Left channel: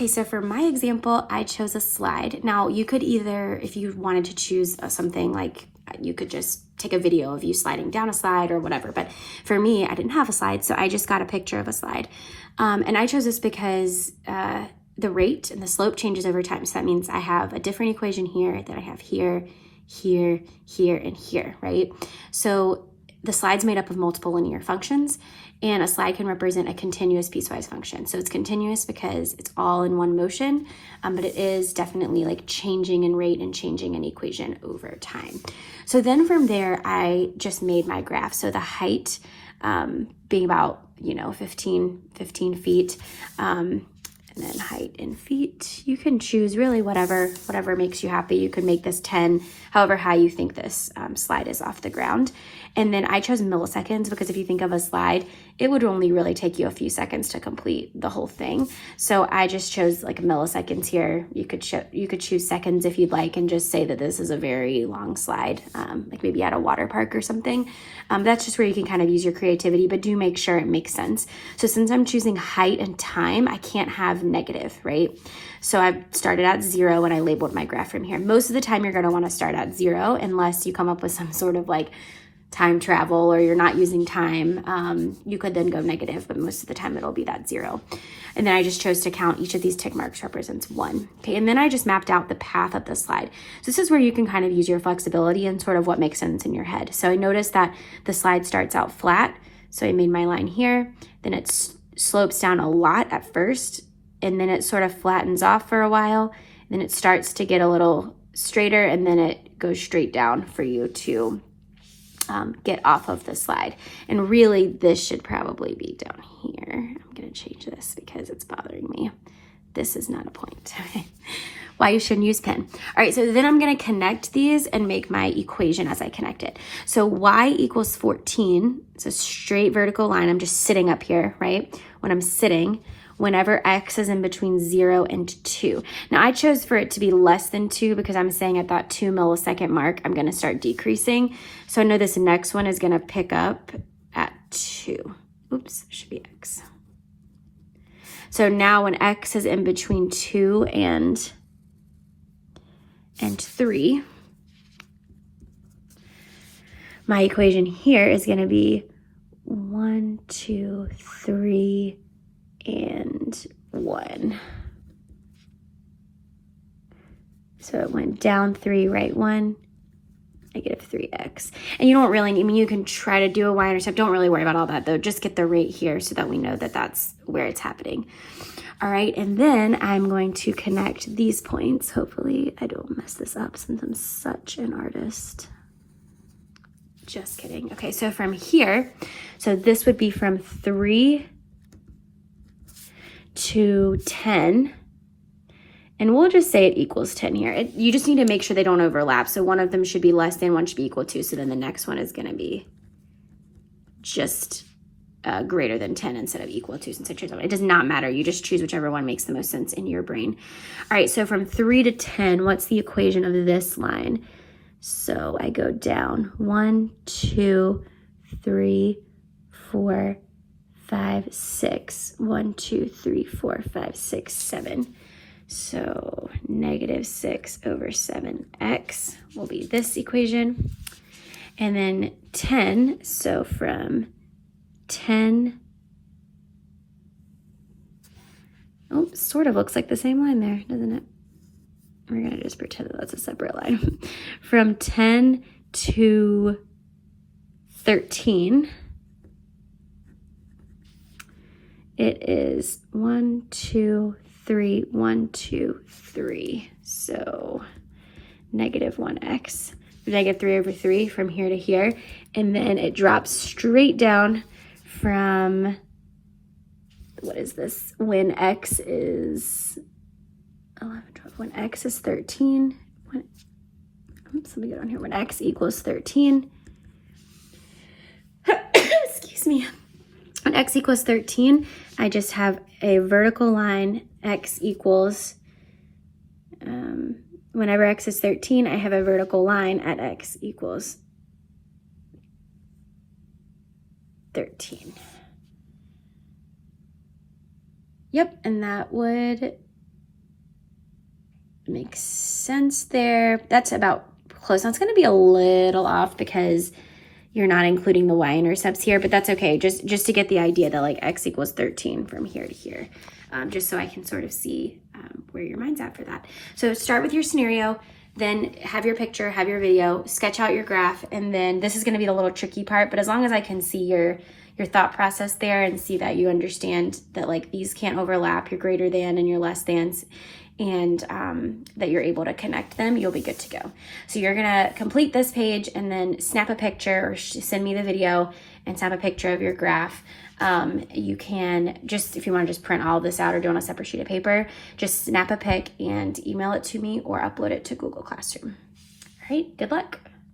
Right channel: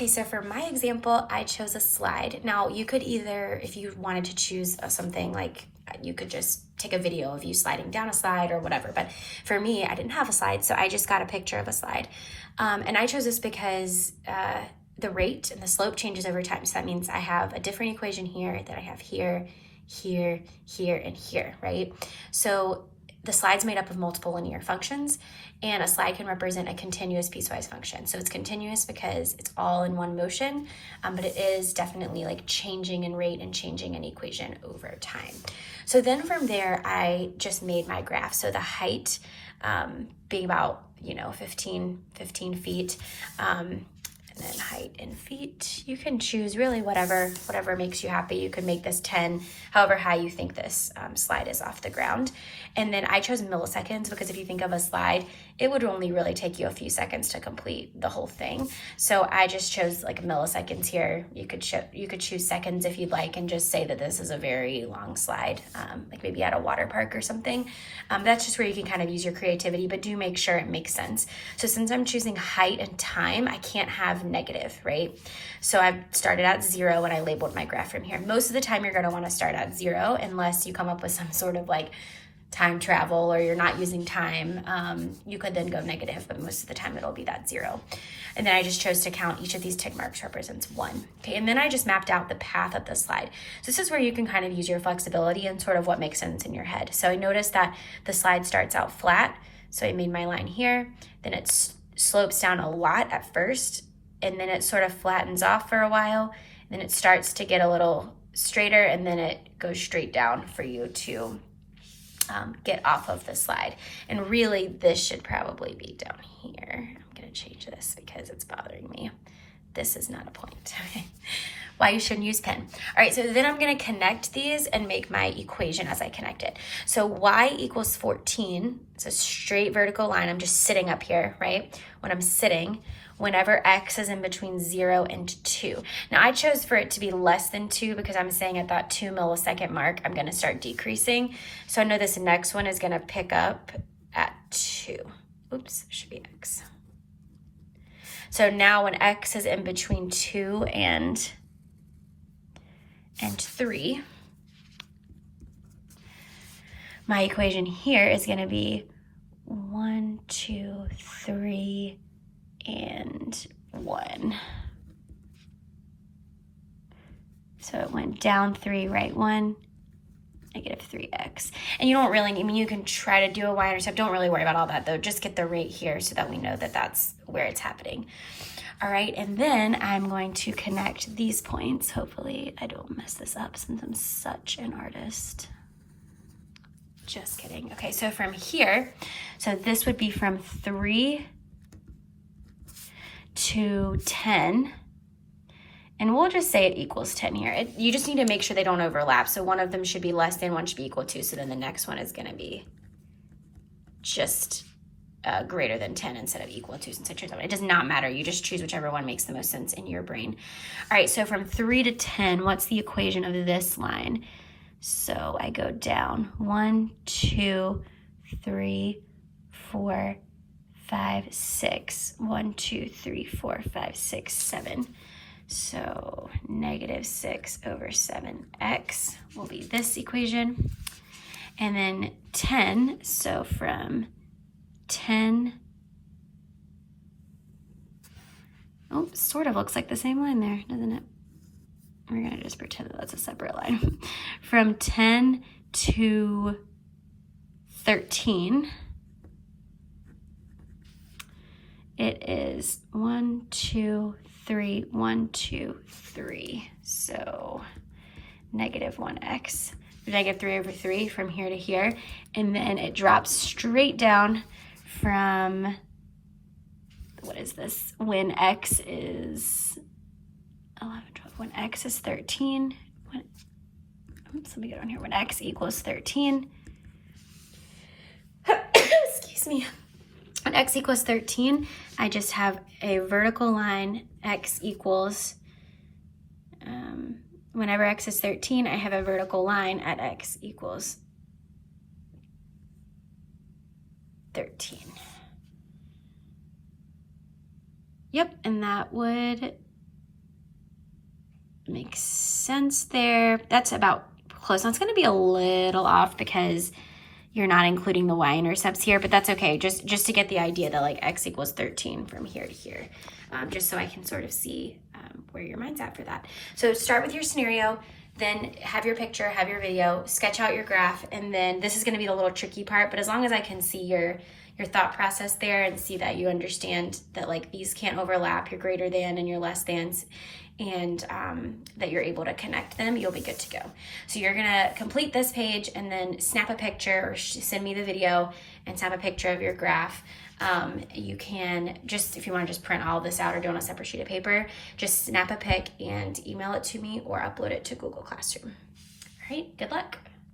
Okay, so for my example, I chose a slide. Now you could either, if you wanted to choose something like, you could just take a video of you sliding down a slide or whatever. But for me, I didn't have a slide, so I just got a picture of a slide. And I chose this because the rate and the slope changes over time. So that means I have a different equation here that I have here, here, here, and here, right? So the slide's made up of multiple linear functions, and a slide can represent a continuous piecewise function. So it's continuous because it's all in one motion, but it is definitely like changing in rate and changing in equation over time. So then from there, I just made my graph. So the height being about, 15 feet, and then height in feet. You can choose really whatever makes you happy. You could make this 10, however high you think this slide is off the ground. And then I chose milliseconds because if you think of a slide, it would only really take you a few seconds to complete the whole thing. So I just chose like milliseconds here. You could choose seconds if you'd like and just say that this is a very long slide, like maybe at a water park or something. That's just where you can kind of use your creativity, but do make sure it makes sense. So since I'm choosing height and time, I can't have negative, right? So I've started at 0 and I labeled my graph from here. Most of the time you're gonna wanna start at 0 unless you come up with some sort of like time travel or you're not using time. You could then go negative, but most of the time it'll be that 0. And then I just chose to count each of these tick marks represents 1. Okay, and then I just mapped out the path of the slide. So this is where you can kind of use your flexibility and sort of what makes sense in your head. So I noticed that the slide starts out flat. So I made my line here, then it slopes down a lot at first, and then it sort of flattens off for a while. Then it starts to get a little straighter, and then it goes straight down for you to get off of the slide. And really this should probably be down here. I'm gonna change this because it's bothering me. This is not a point. Why you shouldn't use pen. All right, so then I'm gonna connect these and make my equation as I connect it. So y equals 14, it's a straight vertical line. I'm just sitting up here, right? When I'm sitting, whenever x is in between 0 and 2. Now I chose for it to be less than 2 because I'm saying at that 2 millisecond mark, I'm gonna start decreasing. So I know this next one is gonna pick up at 2. Oops, it should be x. So now when x is in between 2 and 3, my equation here is gonna be 1, 2, 3, and 1. So it went down 3, right 1, negative 3x. And you don't really, you can try to do a y-intercept. Don't really worry about all that though. Just get the rate here so that we know that that's where it's happening. All right, and then I'm going to connect these points. Hopefully I don't mess this up since I'm such an artist. Just kidding. Okay, so from here, so this would be from 3 to 10, and we'll just say it equals 10 here. You just need to make sure they don't overlap. So one of them should be less than, one should be equal to, so then the next one is gonna be just greater than 10 instead of equal to, since I chose one. It does not matter, you just choose whichever one makes the most sense in your brain. All right, so from 3 to 10, what's the equation of this line? So I go down 1, 2, 3, 4, 5, 6. 1, 2, 3, 4, 5, 6, 7. So negative 6 over 7x will be this equation. And then 10, so from 10, oh, sort of looks like the same line there, doesn't it? We're gonna just pretend that that's a separate line. From 10 to 13, it is 1, 2, 3, 1, 2, 3. So negative 1x, negative 3 over 3 from here to here. And then it drops straight down from, what is this? When x is 11, 12, when x is 13, oops, let me get on here. When x equals 13, excuse me. When x equals 13, I just have a vertical line, x equals, whenever x is 13, I have a vertical line at x equals 13. Yep, and that would makes sense there. That's about close. Now it's going to be a little off because you're not including the y-intercepts here, but that's okay. Just to get the idea that like x equals 13 from here to here, just so I can sort of see where your mind's at for that. So start with your scenario, then have your picture, have your video, sketch out your graph, and then this is going to be the little tricky part, but as long as I can see your thought process there and see that you understand that like these can't overlap, your greater than and your less thans, and that you're able to connect them, you'll be good to go. So you're gonna complete this page and then snap a picture or send me the video and snap a picture of your graph. You can just, if you wanna just print all of this out or do it on a separate sheet of paper, just snap a pic and email it to me or upload it to Google Classroom. All right, good luck.